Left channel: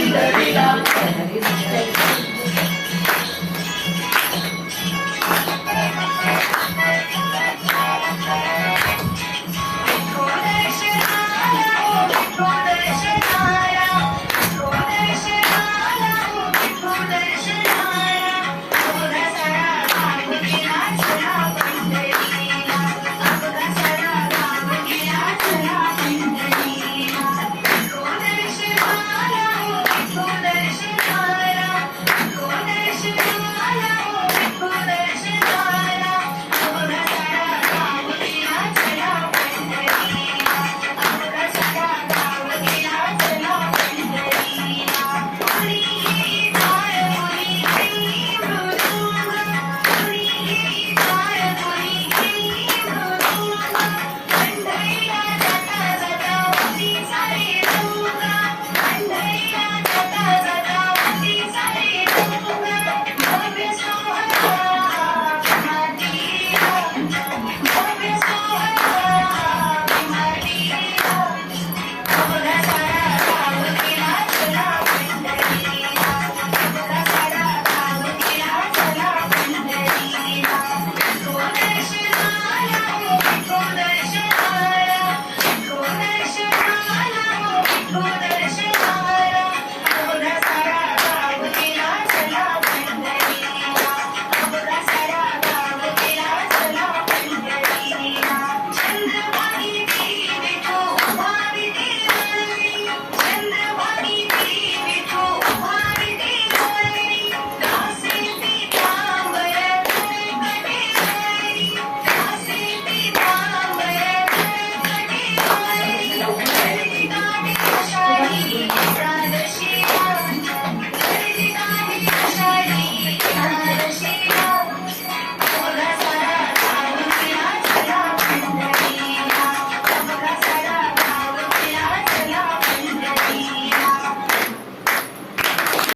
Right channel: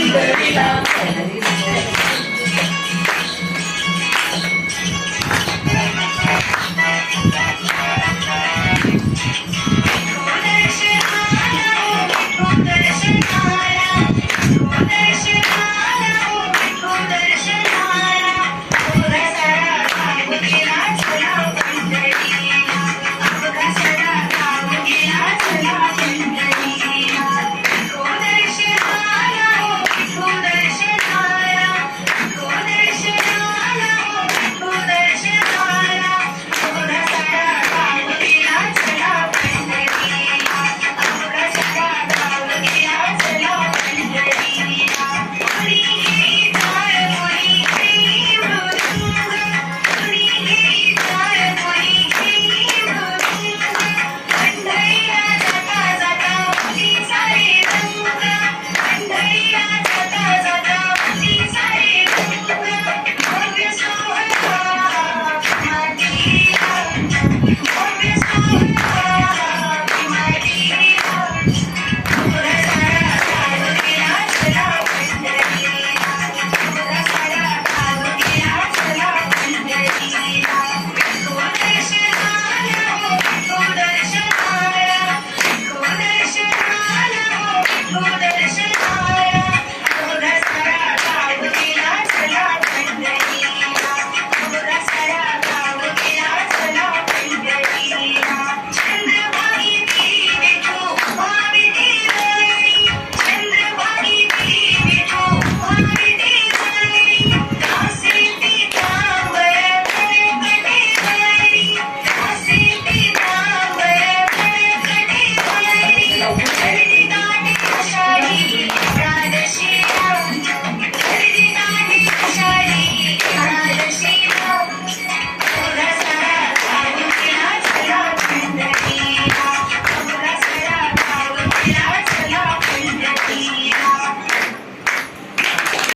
Amen.